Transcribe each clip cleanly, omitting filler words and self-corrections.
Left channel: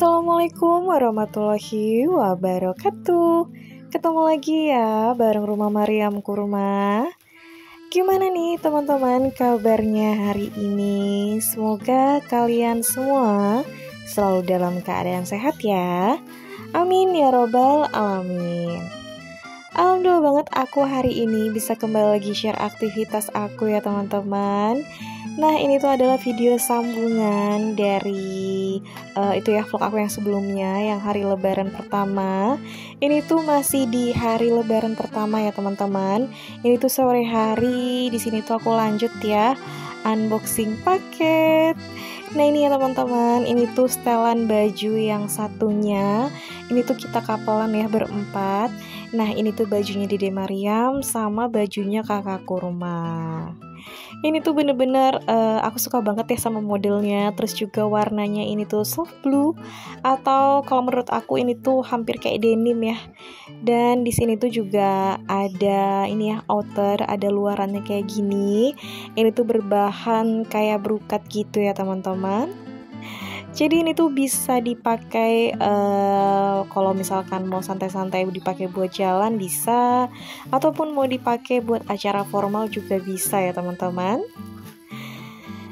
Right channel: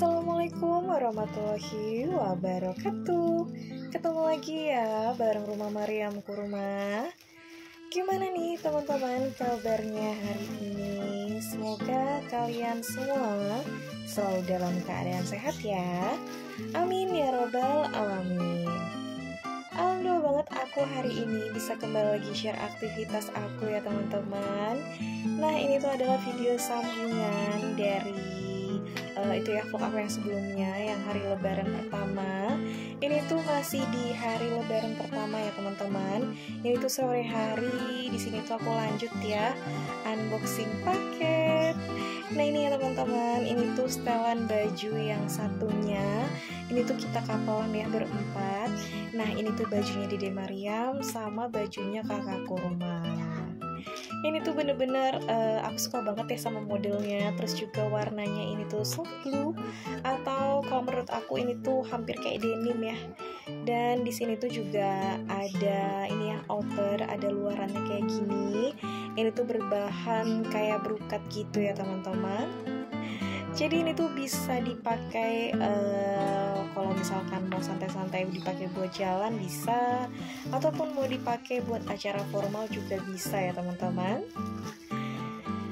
Assalamualaikum warahmatullahi wabarakatuh. Ketemu lagi ya bareng Rumah Mariam Kurma. Gimana nih teman-teman kabarnya hari ini? Semoga kalian semua selalu dalam keadaan sehat ya. Amin ya robbal alamin. Alhamdulillah banget aku hari ini bisa kembali lagi share aktivitas aku ya teman-teman. Nah ini tuh adalah video sambungan dari itu ya vlog aku yang sebelumnya, yang hari lebaran pertama. Ini tuh masih di hari lebaran pertama ya teman-teman. Ini tuh sore hari, di sini tuh aku lanjut ya unboxing paket. Nah ini ya teman-teman, ini tuh setelan baju yang satunya. Ini tuh kita kapelan ya berempat. Nah ini tuh bajunya Dede Mariam sama bajunya kakak Kurma. Ini tuh bener-bener aku suka banget ya sama modelnya. Terus juga warnanya ini tuh soft blue, atau kalau menurut aku ini tuh hampir kayak denim ya. Dan di sini tuh juga ada ini ya outer, ada luarannya kayak gini. Ini tuh berbahan kayak brokat gitu ya teman-teman. Jadi ini tuh bisa dipakai kalau misalkan mau santai-santai dipakai buat jalan bisa, ataupun mau dipakai buat acara formal juga bisa ya teman-teman.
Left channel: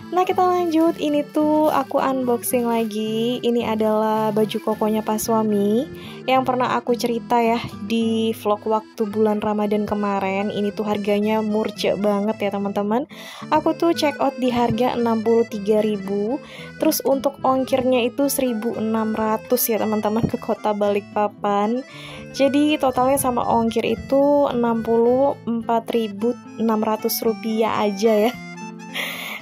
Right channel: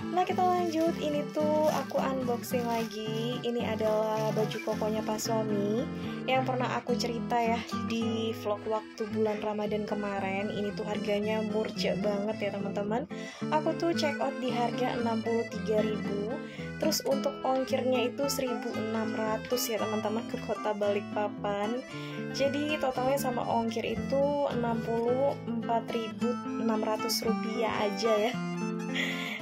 Nah kita lanjut, ini tuh aku unboxing lagi. Ini adalah baju kokonya Pak Suami yang pernah aku cerita ya di vlog waktu bulan Ramadan kemarin. Ini tuh harganya murce banget ya teman-teman. Aku tuh check out di harga 63.000. Terus untuk ongkirnya itu 1.600 ya teman-teman ke kota Balikpapan. Jadi totalnya sama ongkir itu 64.600 rupiah aja ya.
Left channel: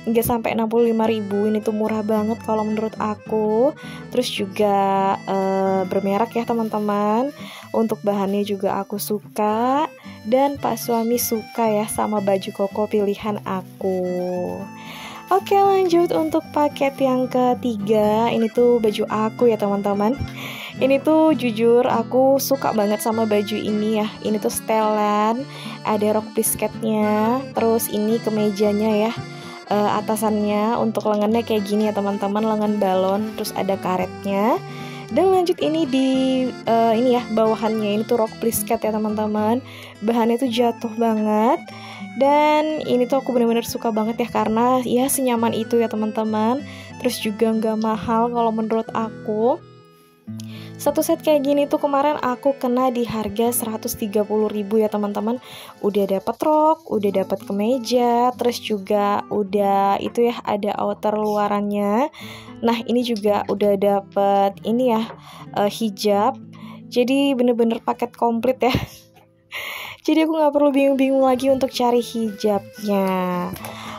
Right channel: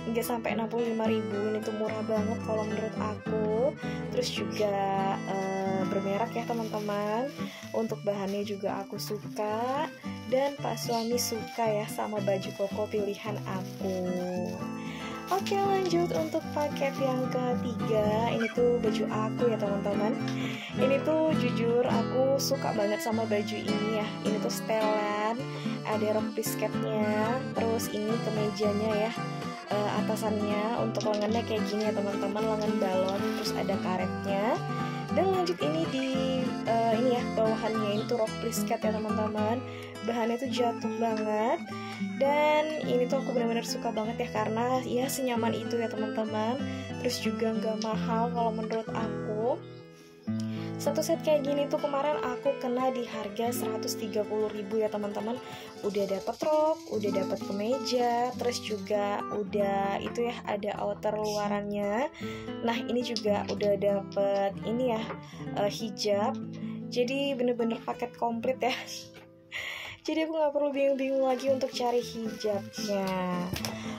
Nggak sampai 65.000. Ini tuh murah banget kalau menurut aku. Terus juga bermerek ya teman-teman. Untuk bahannya juga aku suka, dan Pak Suami suka ya sama baju koko pilihan aku. Oke lanjut untuk paket yang ketiga. Ini tuh baju aku ya teman-teman. Ini tuh jujur aku suka banget sama baju ini ya. Ini tuh setelan, ada rok pisketnya. Terus ini kemejanya ya, atasannya untuk lengannya kayak gini ya teman-teman, lengan balon, terus ada karetnya. Dan lanjut ini di ini ya bawahannya, ini tuh rok plisket ya teman-teman. Bahannya tuh jatuh banget. Dan ini tuh aku bener-bener suka banget ya, karena ya senyaman itu ya teman-teman. Terus juga nggak mahal kalau menurut aku. Satu set kayak gini tuh kemarin aku kena di harga 130.000 ya teman-teman. Udah dapet rok, udah dapet kemeja, terus juga udah itu ya ada outer luarannya. Nah ini juga udah dapet ini ya hijab. Jadi bener-bener paket komplit ya. Jadi aku nggak perlu bingung-bingung lagi untuk cari hijabnya.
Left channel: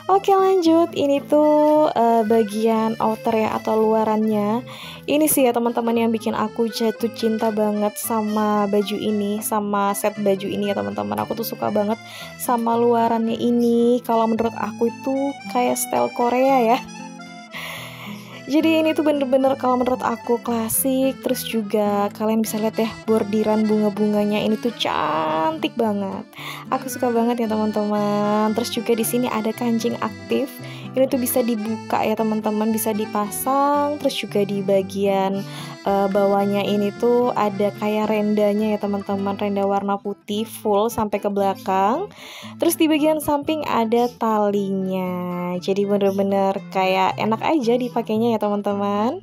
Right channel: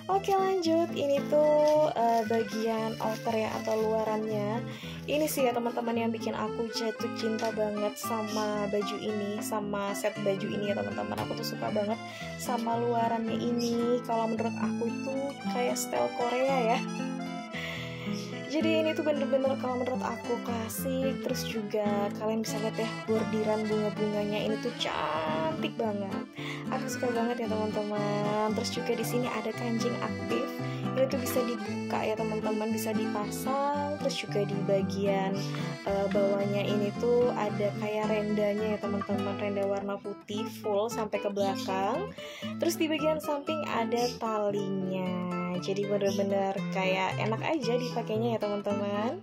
Oke lanjut, ini tuh bagian outer ya atau luarannya. Ini sih ya teman-teman yang bikin aku jatuh cinta banget sama baju ini, sama set baju ini ya teman-teman. Aku tuh suka banget sama luarannya ini. Kalau menurut aku itu kayak style Korea ya. Jadi ini tuh bener-bener kalau menurut aku klasik. Terus juga kalian bisa lihat ya bordiran bunga-bunganya ini tuh cantik banget. Aku suka banget ya teman-teman. Terus juga di sini ada kancing aktif. Ini tuh bisa dibuka ya teman-teman, bisa dipasang. Terus juga di bagian bawahnya ini tuh ada kayak rendanya ya teman-teman, renda warna putih full sampai ke belakang. Terus di bagian samping ada talinya. Jadi bener-bener kayak enak aja dipakainya ya teman-teman.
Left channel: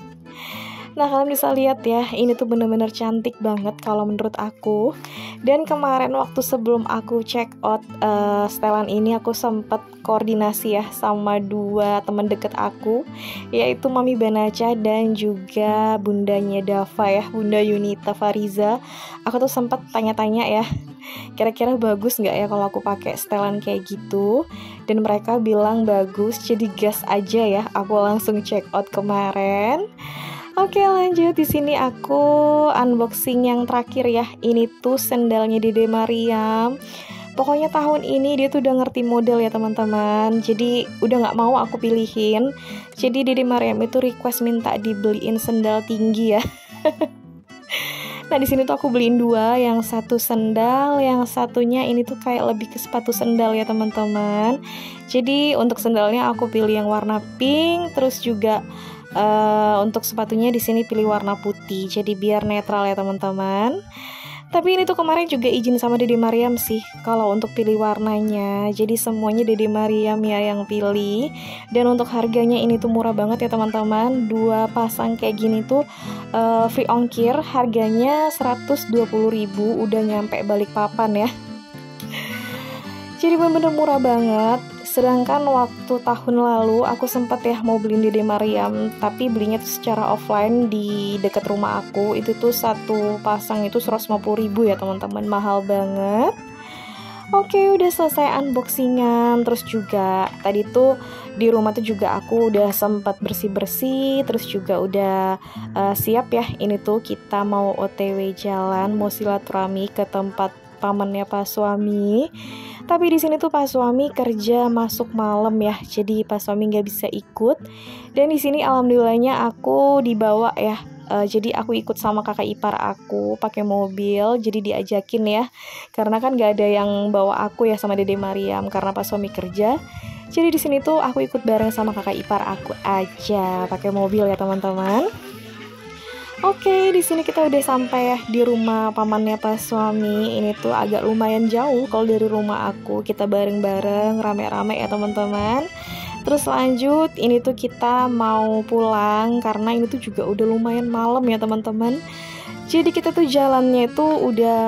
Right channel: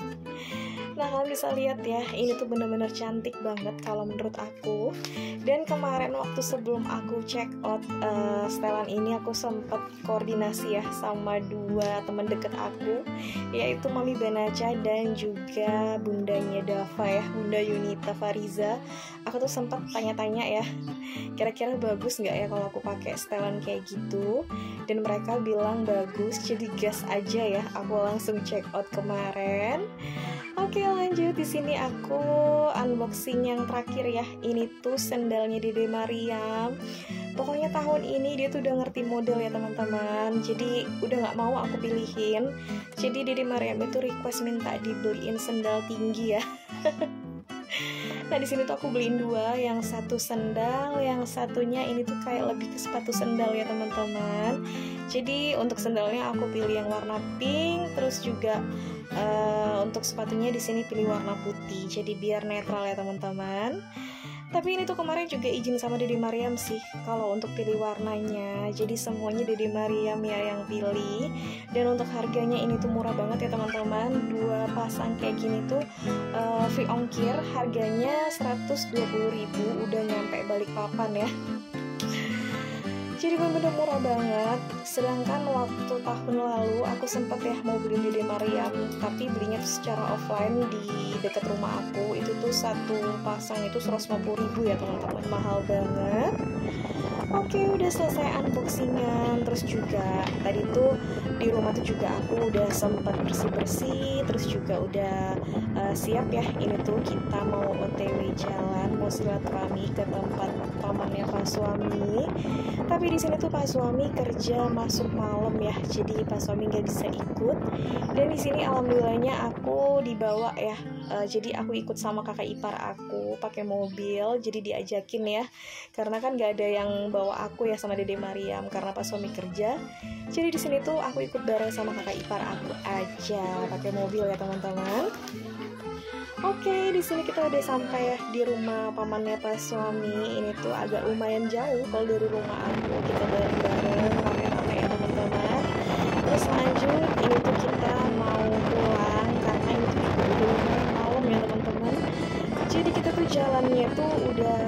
Nah kalian bisa lihat ya, ini tuh bener-bener cantik banget kalau menurut aku. Dan kemarin waktu sebelum aku check out setelan ini, aku sempat koordinasi ya sama dua teman deket aku, yaitu Mami Banaca dan juga bundanya Dava ya, Bunda Yunita Fariza. Aku tuh sempat tanya-tanya ya, kira-kira bagus nggak ya kalau aku pakai setelan kayak gitu. Dan mereka bilang bagus, jadi gas aja ya. Aku langsung check out kemarin. Oke lanjut, di sini aku unboxing yang terakhir ya. Ini tuh sendalnya Dede Mariam. Pokoknya tahun ini dia tuh udah ngerti model ya teman-teman. Jadi udah nggak mau aku pilihin. Jadi Dede Mariam itu request minta dibeliin sendal tinggi ya. Nah di sini tuh aku beliin dua, yang satu sendal, yang satunya ini tuh kayak lebih ke sepatu sendal ya teman-teman. Jadi untuk sendalnya aku pilih yang warna pink, terus juga Untuk sepatunya di sini pilih warna putih, jadi biar netral ya teman-teman. Tapi ini tuh kemarin juga izin sama Dede Mariam sih kalau untuk pilih warnanya. Jadi semuanya Dede Mariam ya yang pilih. Dan untuk harganya ini tuh murah banget ya teman-teman. 2 pasang kayak gini tuh free ongkir, harganya 120.000, udah nyampe Balikpapan ya. Jadi bener-bener murah banget. Sedangkan waktu tahun lalu aku sempat ya mau beliin Dede Mariam, tapi belinya tuh secara offline di dekat rumah aku. Itu tuh satu pasang itu 150.000 ya teman-teman, mahal banget. Oke, udah selesai unboxingan. Terus juga tadi tuh di rumah tuh juga aku udah sempat bersih-bersih. Terus juga udah siap ya. Ini tuh kita mau OTW jalan, mau silaturahmi ke tempat pamannya Pak suami. Tapi di sini tuh Pak suami kerja masuk malam ya, jadi Pak suami nggak bisa ikut. Dan di sini alhamdulillahnya aku dibawa ya. Jadi aku ikut sama kakak ipar aku pakai mobil, jadi diajakin ya. Karena kan nggak ada yang bawa aku ya sama Dede Mariam karena Pak suami kerja. Jadi di sini tuh aku ikut bareng sama kakak ipar aku aja pakai mobil ya teman-teman. Oke, di sini kita udah sampai ya di rumah pamannya Pak suami. Ini tuh agak lumayan jauh kalau dari rumah aku. Kita bareng-bareng, rame-rame ya teman-teman. Terus lanjut, ini tuh kita mau pulang karena ini tuh juga udah lumayan malam ya teman-teman. Jadi kita tuh jalannya itu udah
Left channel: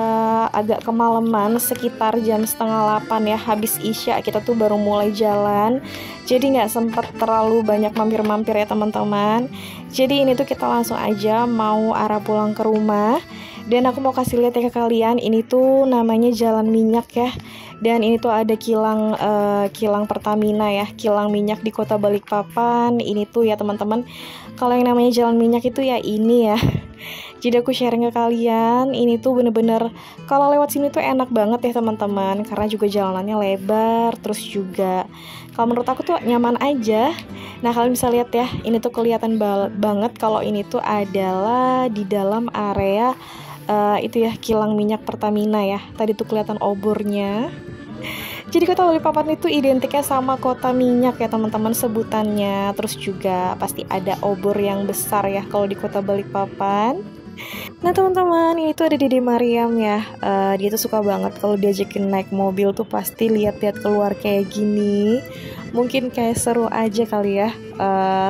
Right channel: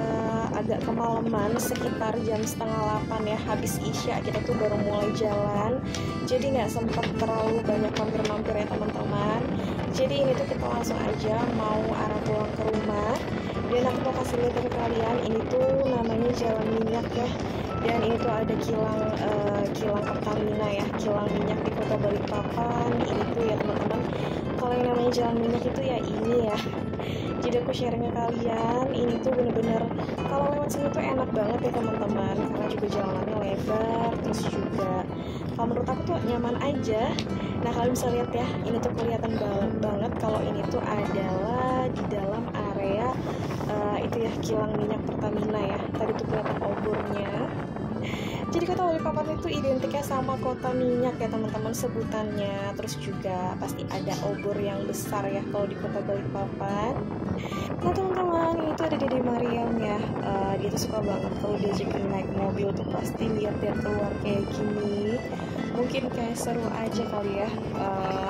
agak kemalaman, sekitar jam 7:30 ya, habis isya kita tuh baru mulai jalan. Jadi nggak sempet terlalu banyak mampir-mampir ya teman-teman. Jadi ini tuh kita langsung aja mau arah pulang ke rumah. Dan aku mau kasih lihat ya ke kalian, ini tuh namanya Jalan Minyak ya. Dan ini tuh ada kilang Pertamina ya, kilang minyak di Kota Balikpapan. Ini tuh ya teman-teman, kalau yang namanya Jalan Minyak itu ya ini ya. Jadi aku sharing ke kalian, ini tuh bener-bener kalau lewat sini tuh enak banget ya teman-teman, karena juga jalanannya lebar, terus juga kalau menurut aku tuh nyaman aja. Nah kalian bisa lihat ya, ini tuh kelihatan banget kalau ini tuh adalah di dalam area itu ya kilang minyak Pertamina ya. Tadi tuh kelihatan obornya. Jadi kota Balikpapan itu identiknya sama kota minyak ya teman-teman sebutannya. Terus juga pasti ada obor yang besar ya kalau di kota Balikpapan. Nah teman-teman, ini tuh ada Dede Mariam ya. Dia tuh suka banget kalau diajakin naik mobil tuh pasti lihat-lihat keluar kayak gini. Mungkin kayak seru aja kali ya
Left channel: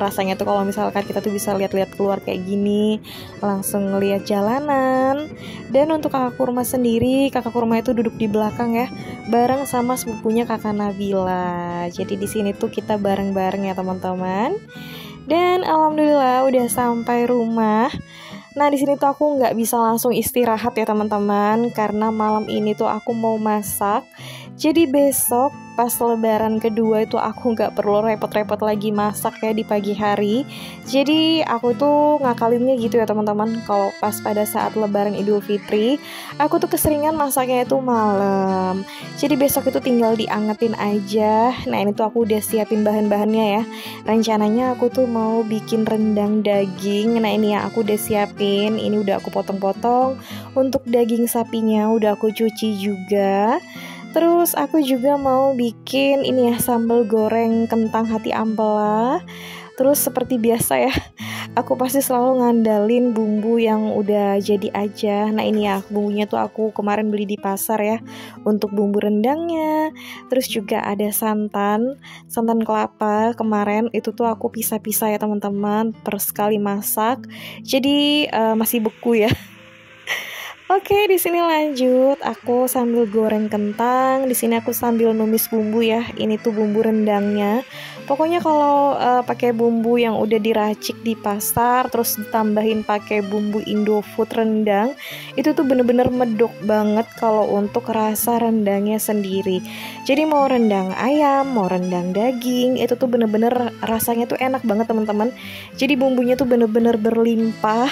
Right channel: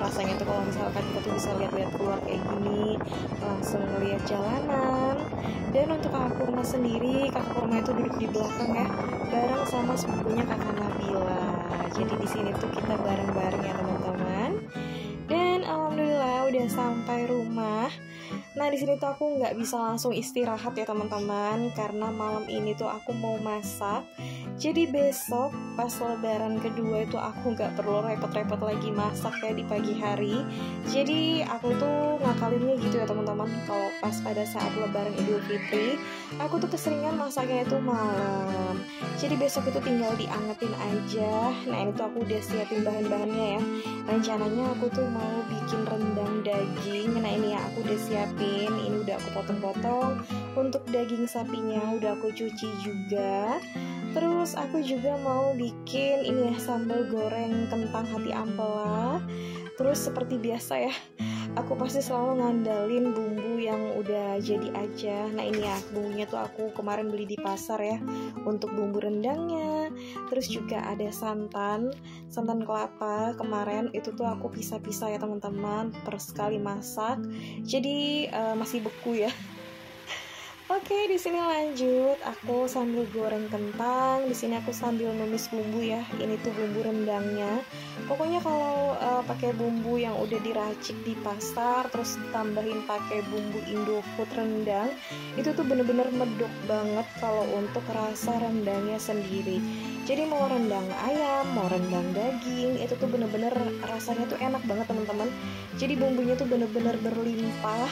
rasanya tuh kalau misalkan kita tuh bisa lihat-lihat keluar kayak gini, langsung ngeliat jalanan. Dan untuk kakak kurma sendiri, kakak kurma itu duduk di belakang ya, bareng sama sepupunya kakak Nabila. Jadi di sini tuh kita bareng-bareng ya teman-teman. Dan alhamdulillah udah sampai rumah. Nah di sini tuh aku nggak bisa langsung istirahat ya teman-teman, karena malam ini tuh aku mau masak. Jadi besok pas lebaran kedua itu aku nggak perlu repot-repot lagi masak ya di pagi hari. Jadi aku tuh ngakalinnya gitu ya teman-teman. Kalau pas pada saat lebaran Idul Fitri, aku tuh keseringan masaknya itu malam. Jadi besok itu tinggal diangetin aja. Nah ini tuh aku udah siapin bahan-bahannya ya. Rencananya aku tuh mau bikin rendang daging. Nah ini ya aku udah siapin. Ini udah aku potong-potong. Untuk daging sapinya udah aku cuci juga. Terus aku juga mau bikin ini ya, sambal goreng kentang hati ampela. Terus seperti biasa ya, aku pasti selalu ngandalin bumbu yang udah jadi aja. Nah ini ya, bumbunya tuh aku kemarin beli di pasar ya, untuk bumbu rendangnya. Terus juga ada santan kelapa. Kemarin itu tuh aku pisah-pisah ya teman-teman, per sekali masak. Jadi masih beku ya. Oke, di sini lanjut. Aku sambil goreng kentang. Di sini aku sambil numis bumbu ya. Ini tuh bumbu rendangnya. Pokoknya kalau pakai bumbu yang udah diracik di pasar, terus ditambahin pakai bumbu Indofood rendang, itu tuh bener-bener medok banget kalau untuk rasa rendangnya sendiri. Jadi mau rendang ayam, mau rendang daging, itu tuh bener-bener rasanya tuh enak banget teman-teman. Jadi bumbunya tuh bener-bener berlimpah.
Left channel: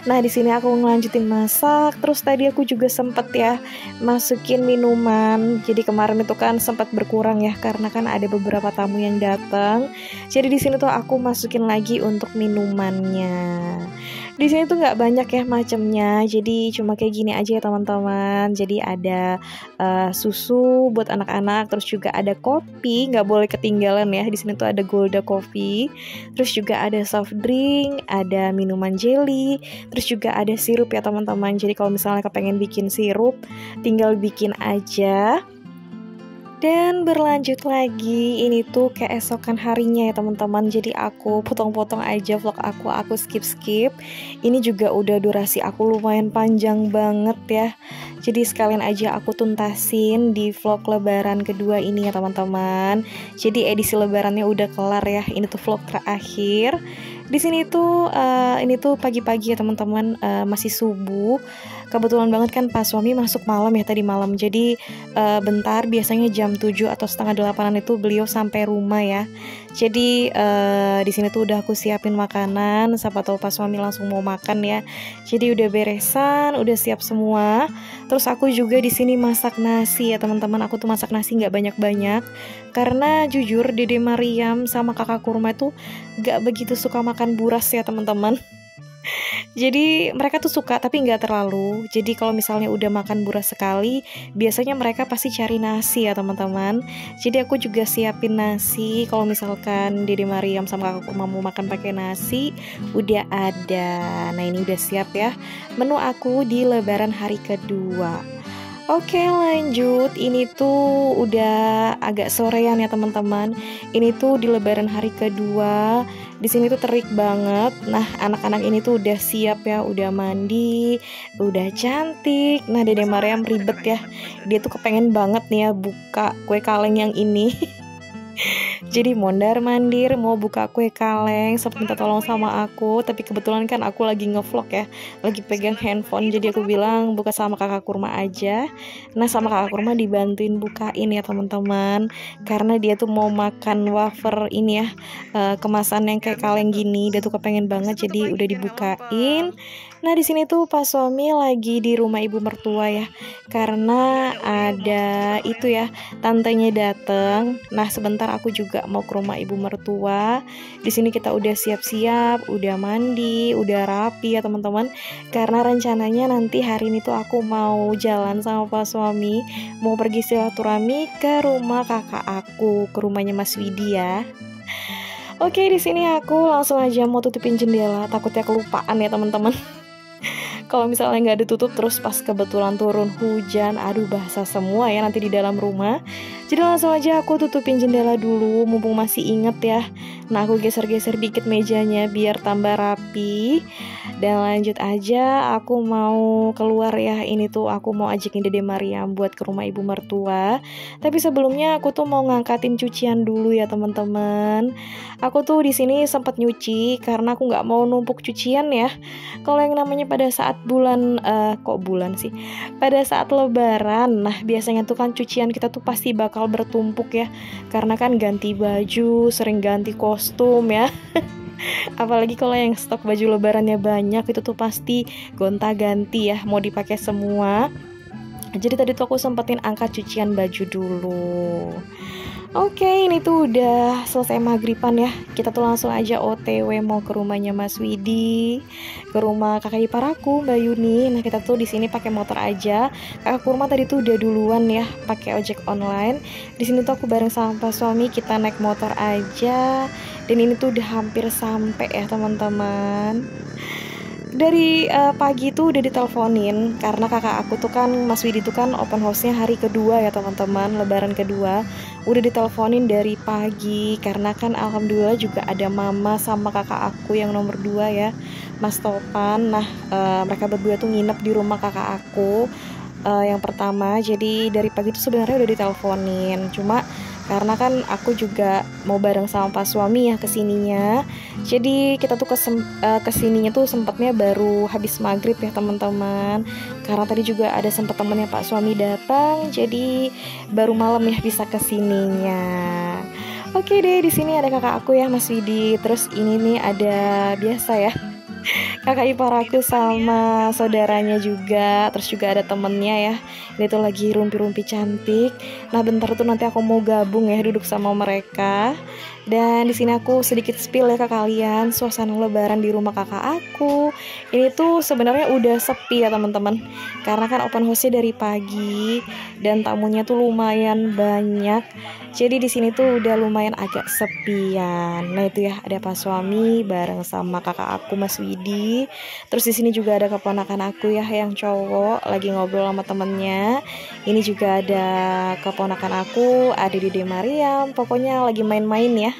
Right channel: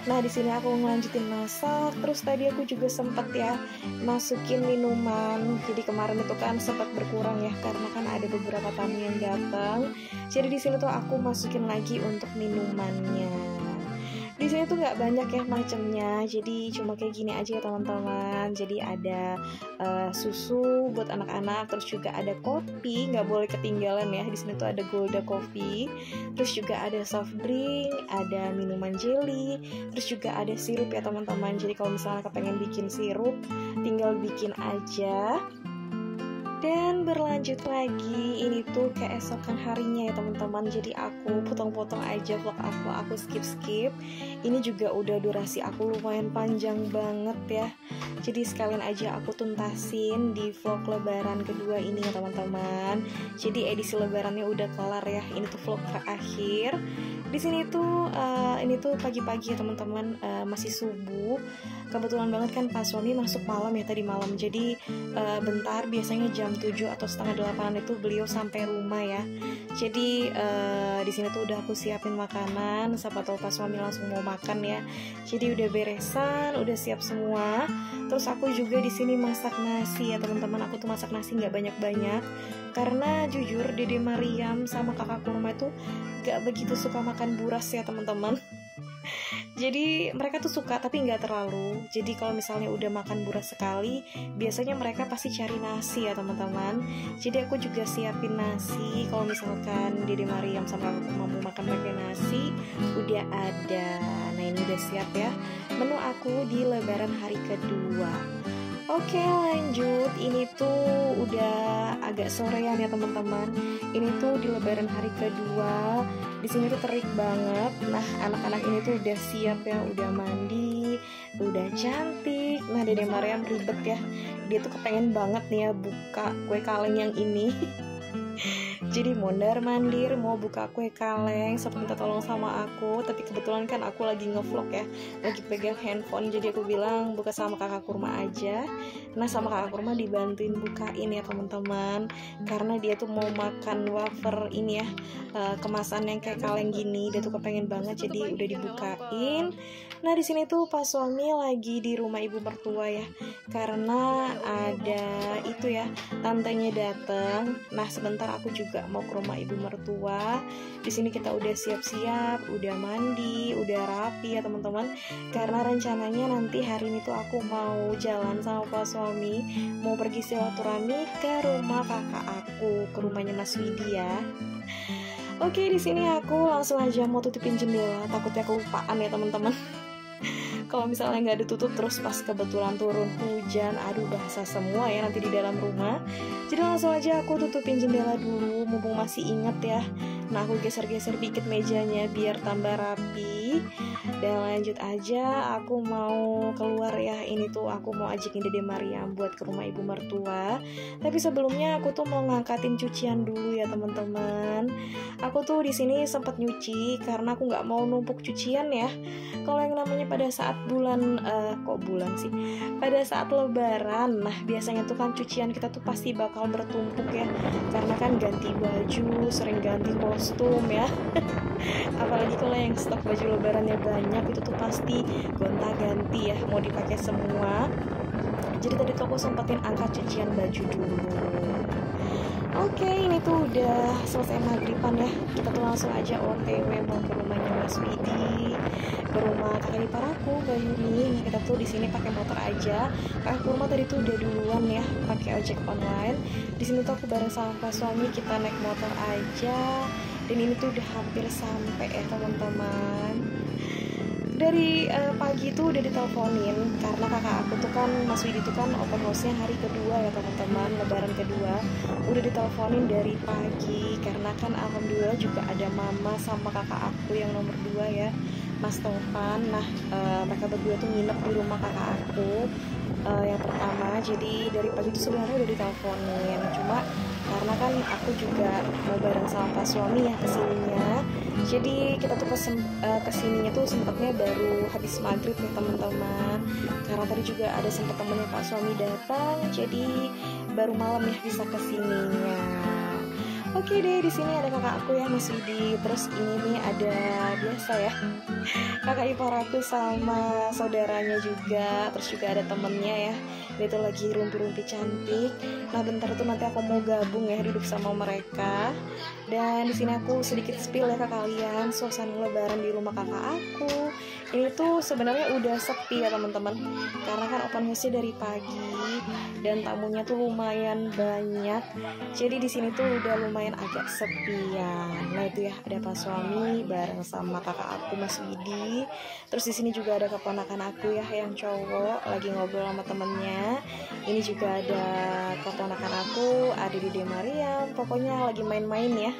Nah di sini aku ngelanjutin masak. Terus tadi aku juga sempet ya masukin minuman. Jadi kemarin itu kan sempat berkurang ya karena kan ada beberapa tamu yang datang. Jadi di sini tuh aku masukin lagi untuk minumannya. Di sini tuh nggak banyak ya macamnya, jadi cuma kayak gini aja ya teman-teman. Jadi ada susu buat anak-anak, terus juga ada kopi, nggak boleh ketinggalan ya. Di sini tuh ada Golda Coffee, terus juga ada soft drink, ada minuman jelly, terus juga ada sirup ya teman-teman. Jadi kalau misalnya kepengen bikin sirup, tinggal bikin aja. Dan berlanjut lagi, ini tuh keesokan harinya ya teman-teman. Jadi aku potong-potong aja vlog aku skip-skip. Ini juga udah durasi aku lumayan panjang banget ya. Jadi sekalian aja aku tuntasin di vlog lebaran kedua ini ya teman-teman. Jadi edisi lebarannya udah kelar ya. Ini tuh vlog terakhir. Di sini tuh ini tuh pagi-pagi ya teman-teman, masih subuh. Kebetulan banget kan pas suami masuk malam ya, tadi malam. Jadi bentar, biasanya jam 7 atau setengah 8-an itu beliau sampai rumah ya. Jadi di sini tuh udah aku siapin makanan, siapa tahu pas suami langsung mau makan ya. Jadi udah beresan, udah siap semua. Terus aku juga di sini masak nasi ya teman-teman. Aku tuh masak nasi nggak banyak-banyak karena jujur Dede Mariam sama kakak kurma itu nggak begitu suka makan buras ya teman-teman. Jadi mereka tuh suka tapi nggak terlalu. Jadi kalau misalnya udah makan buras sekali, biasanya mereka pasti cari nasi ya teman-teman. Jadi aku juga siapin nasi. Kalau misalkan Dede Mariam sama kakak kurma mau makan pakai nasi, udah ada. Nah ini udah siap ya menu aku di lebaran hari kedua. Oke lanjut, ini tuh udah agak sorean ya teman-teman. Ini tuh di lebaran hari kedua. Di sini tuh terik banget. Nah anak-anak ini tuh udah siap ya, udah mandi, udah cantik. Nah Dede Mariam ribet ya, dia tuh kepengen banget nih ya buka kue kaleng yang ini. Jadi mondar mandir mau buka kue kaleng, sempat minta tolong sama aku, tapi kebetulan kan aku lagi ngevlog ya, lagi pegang handphone. Jadi aku bilang buka sama kakak kurma aja. Nah sama kakak kurma dibantuin bukain ya teman-teman, karena dia tuh mau makan wafer ini ya, kemasan yang kayak kaleng gini. Dia tuh kepengen banget, jadi udah dibukain. Nah di sini tuh pas suami lagi di rumah ibu mertua ya, karena ada itu ya, tantenya dateng. Nah sebentar aku juga mau ke rumah ibu mertua. Di sini kita udah siap-siap, udah mandi, udah rapi ya teman-teman. Karena rencananya nanti hari ini tuh aku mau jalan sama pak suami, mau pergi silaturahmi ke rumah kakak aku, ke rumahnya Mas Widi ya. Oke di sini aku langsung aja mau tutupin jendela, takutnya kelupaan ya teman-teman. Kalau misalnya nggak ditutup terus pas kebetulan turun hujan, aduh basah semua ya nanti di dalam rumah. Jadi langsung aja aku tutupin jendela dulu, mumpung masih inget ya. Nah aku geser-geser dikit mejanya biar tambah rapi. Dan lanjut aja, aku mau keluar ya. Ini tuh aku mau ajakin Dede Mariam buat ke rumah ibu mertua. Tapi sebelumnya aku tuh mau ngangkatin cucian dulu ya teman-teman. Aku tuh di sini sempat nyuci karena aku nggak mau numpuk cucian ya. Kalau yang namanya pada saat pada saat lebaran, nah biasanya tuh kan cucian kita tuh pasti bakal bertumpuk ya, karena kan ganti baju, sering ganti kostum ya. Apalagi kalau yang stok baju lebarannya banyak, itu tuh pasti gonta-ganti ya, mau dipakai semua. Jadi tadi tuh aku sempetin angkat cucian baju dulu. Oke, ini tuh udah selesai maghriban ya. Kita tuh langsung aja OTW mau ke rumahnya Mas Widi, ke rumah kakak ipar aku, Mbak Yuni. Nah, kita tuh di sini pakai motor aja. Kakak kurma tadi tuh udah duluan ya, pakai ojek online. Di sini tuh aku bareng sama Pak suami, kita naik motor aja. Dan ini tuh udah hampir sampai ya, teman-teman. Dari pagi tuh udah diteleponin karena kakak aku tuh kan, Mas Widi tuh kan open house-nya hari kedua ya teman-teman, lebaran kedua. Udah diteleponin dari pagi karena kan alhamdulillah juga ada mama sama kakak aku yang nomor 2 ya, Mas Topan. Nah mereka berdua tuh nginep di rumah kakak aku yang pertama. Jadi dari pagi tuh sebenarnya udah diteleponin, cuma karena kan aku juga mau bareng sama pas suami ya kesininya. Jadi kita tuh kesininya tuh sempatnya baru habis maghrib ya teman-teman. Karena tadi juga ada sempat temennya Pak suami datang, jadi baru malam ya bisa kesininya. Oke deh, di sini ada kakak aku ya Mas Widi. Terus ini nih ada biasa ya, kakak ipar aku sama saudaranya juga, terus juga ada temennya ya. Ini tuh lagi rumpi-rumpi cantik. Nah bentar tuh nanti aku mau gabung ya duduk sama mereka. Dan di sini aku sedikit spill ya ke kalian suasana lebaran di rumah kakak aku. Ini tuh sebenarnya udah sepi ya teman-teman. Karena kan open house-nya dari pagi dan tamunya tuh lumayan banyak. Jadi di sini tuh udah lumayan agak sepian. Nah itu ya ada Pak Suami bareng sama kakak aku Mas Widi. Terus di sini juga ada keponakan aku ya yang cowok lagi ngobrol sama temennya. Ini juga ada keponakan aku, ada Dede Mariam. Pokoknya lagi main-main ya.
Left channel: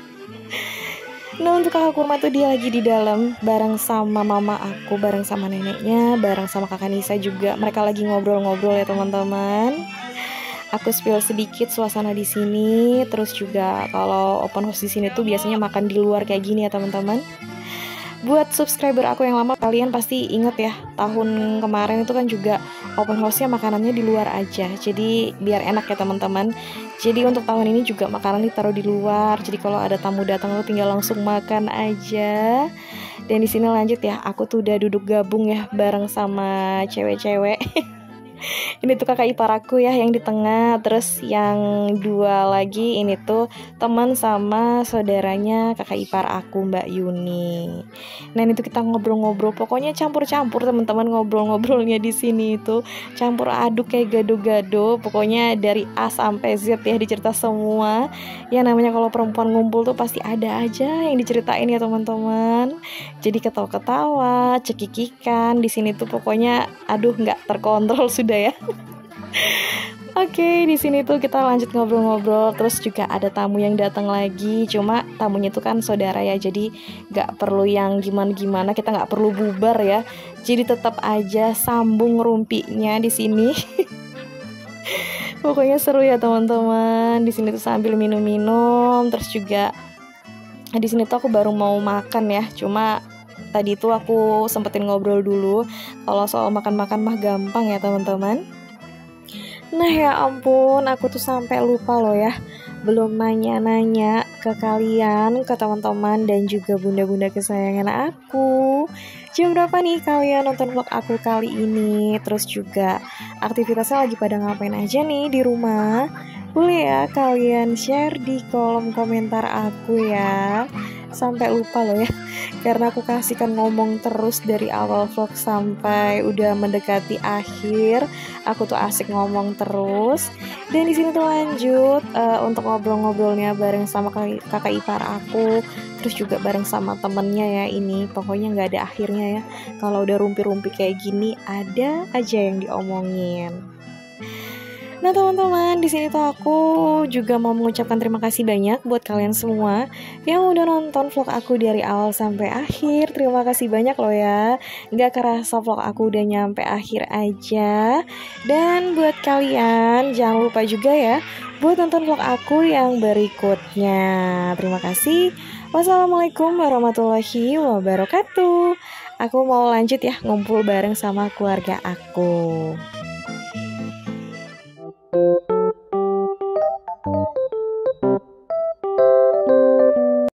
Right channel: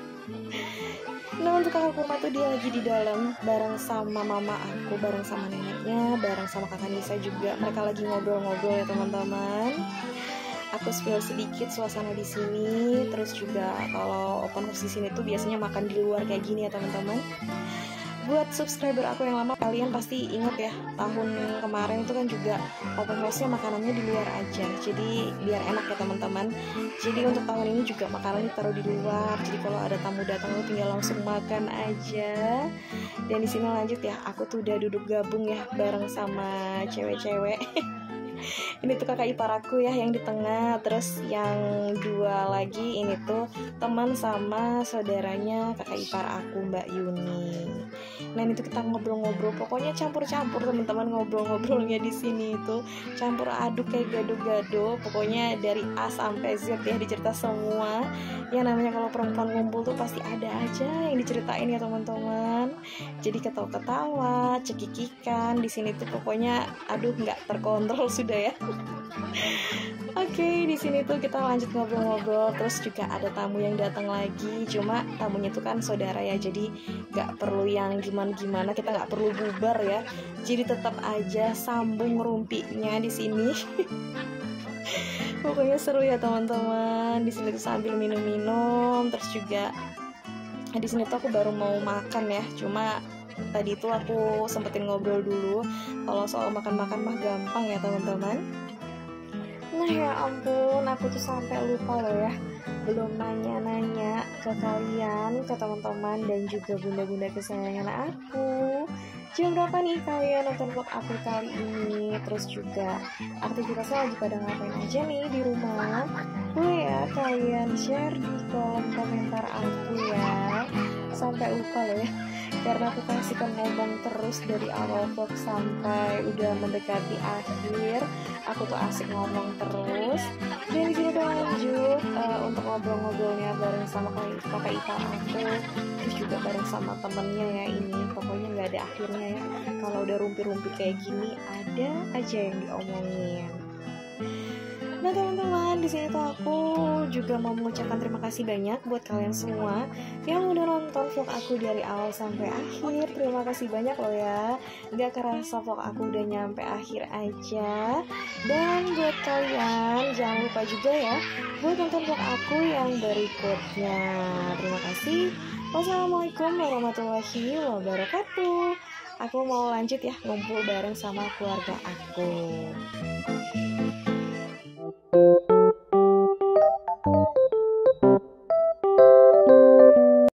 Nah untuk kakak Kurma tuh dia lagi di dalam bareng sama mama aku, bareng sama neneknya, bareng sama kakak Nisa juga. Mereka lagi ngobrol-ngobrol ya teman-teman. Aku spill sedikit suasana di sini. Terus juga kalau open house di sini tuh biasanya makan di luar kayak gini ya teman-teman. Buat subscriber aku yang lama, kalian pasti inget ya, tahun kemarin itu kan juga open house-nya makanannya di luar aja. Jadi biar enak ya teman-teman. Jadi untuk tahun ini juga makanan ditaruh di luar. Jadi kalau ada tamu datang lu tinggal langsung makan aja. Dan di sini lanjut ya, aku tuh udah duduk gabung ya bareng sama cewek-cewek. Ini tuh kakak ipar aku ya yang di tengah. Terus yang dua lagi ini tuh teman sama saudaranya kakak ipar aku Mbak Yuni. Nah ini tuh kita ngobrol-ngobrol. Pokoknya campur-campur teman-teman ngobrol-ngobrolnya di sini itu campur aduk kayak gado-gado. Pokoknya dari A sampai Z ya dicerita semua. Ya namanya kalau perempuan ngumpul tuh pasti ada aja yang diceritain ya teman-teman. Jadi ketawa-ketawa, cekikikan di sini tuh pokoknya aduh nggak terkontrol sudah ya. Oke, di sini tuh kita lanjut ngobrol-ngobrol. Terus juga ada tamu yang datang lagi. Cuma tamunya tuh kan saudara ya, jadi nggak perlu yang gimana-gimana. Kita nggak perlu bubar ya. Jadi tetap aja sambung rumpinya di sini. Pokoknya seru ya teman-teman. Di sini tuh sambil minum-minum. Terus juga di sini tuh aku baru mau makan ya. Cuma tadi tuh aku sempetin ngobrol dulu. Kalau soal makan-makan mah gampang ya teman-teman. Nah ya ampun, aku tuh sampai lupa loh ya, belum nanya-nanya ke kalian, ke teman-teman dan juga bunda-bunda kesayangan aku. Jam berapa nih kalian nonton vlog aku kali ini? Terus juga aktivitasnya lagi pada ngapain aja nih di rumah? Boleh ya kalian share di kolom komentar aku ya. Sampai lupa loh ya, karena aku kasihkan ngomong terus dari awal vlog sampai udah mendekati akhir. Aku tuh asik ngomong terus. Dan di sini tuh lanjut untuk ngobrol-ngobrolnya bareng sama kakak ipar aku. Terus juga bareng sama temennya ya ini. Pokoknya nggak ada akhirnya ya. Kalau udah rumpi-rumpi kayak gini ada aja yang diomongin. Nah teman-teman, di sini tuh aku juga mau mengucapkan terima kasih banyak buat kalian semua yang udah nonton vlog aku dari awal sampai akhir. Terima kasih banyak loh ya. Gak kerasa vlog aku udah nyampe akhir aja. Dan buat kalian jangan lupa juga ya buat nonton vlog aku yang berikutnya. Terima kasih. Wassalamualaikum warahmatullahi wabarakatuh. Aku mau lanjut ya ngumpul bareng sama keluarga aku.